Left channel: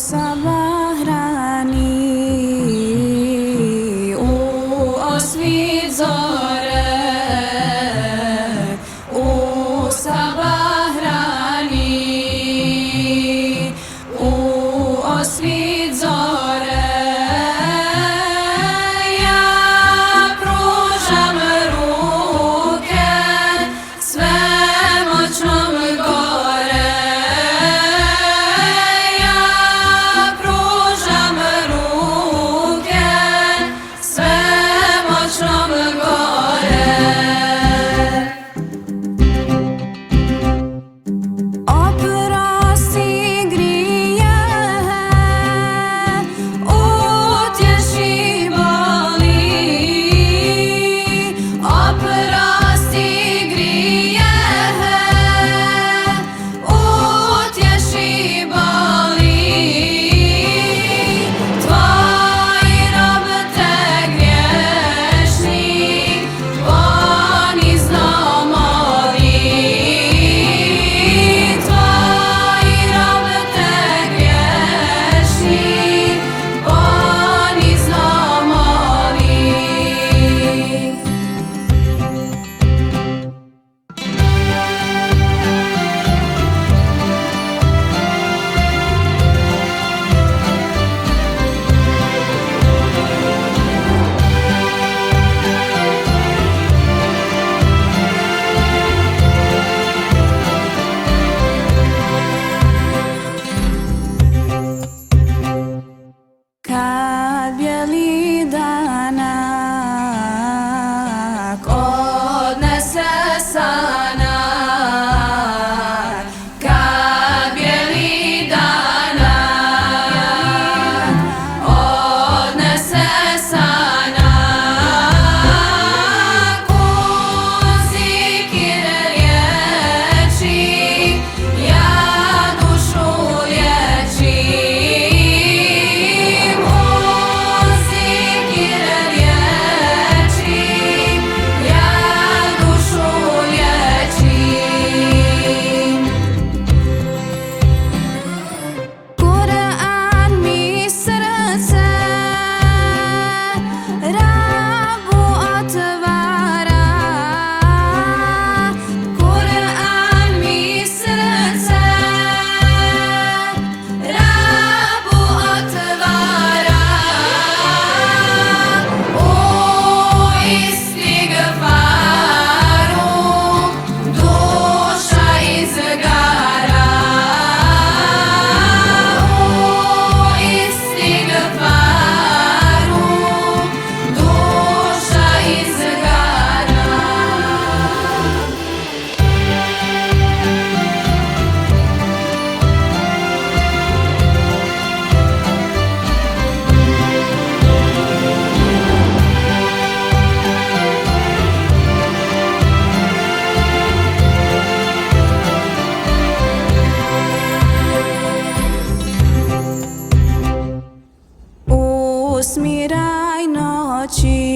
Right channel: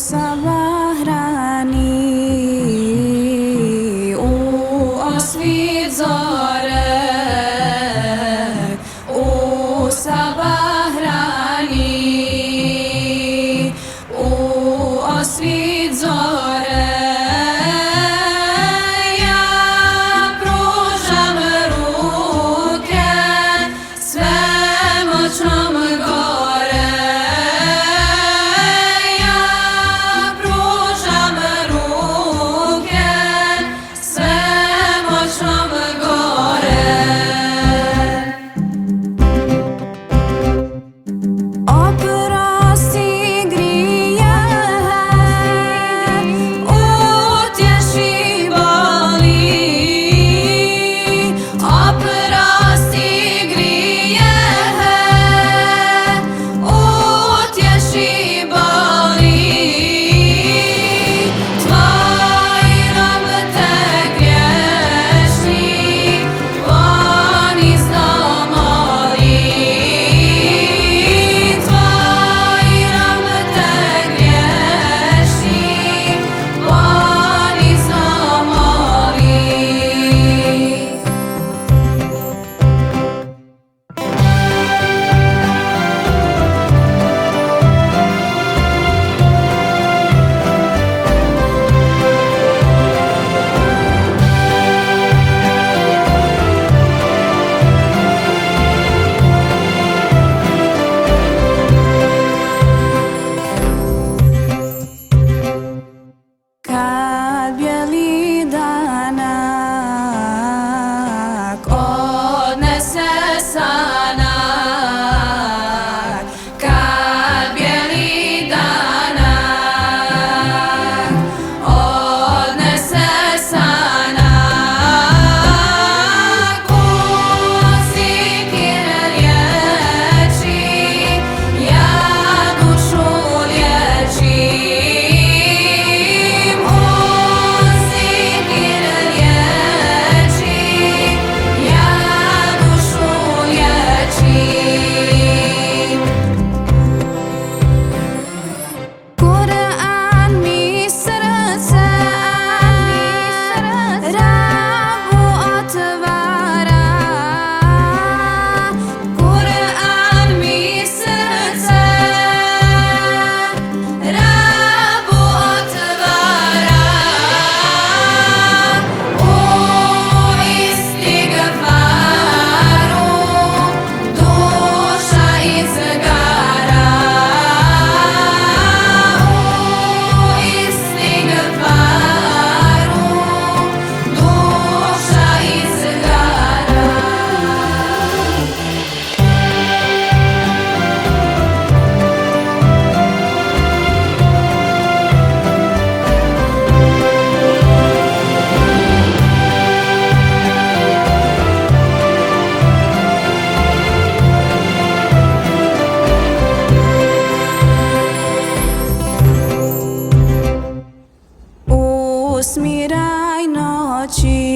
Sabahrani, o svit zore, o Sabahrani, o svit zore. Ja pružam ruke svemoćnom gore. Ja pružam ruke svemoćnom gore. Oprosti grijehe, utješi boli. Oprosti grijehe, utješi boli. Tvoj rob te griješni ponizno moli. Tvoj rob te griješni ponizno moli. Kad bijeli danak odnese sanak, kad bijeli danak odnese sanak, uzikir riječi, ja dušu liječim. Uzikir riječi, ja dušu liječim. Kur'an mi srce Rabu otvara. Kur'an mi srce Rabu otvara. U istigfaru duša izgara. U istigfaru duša izgara. Usmiraj noći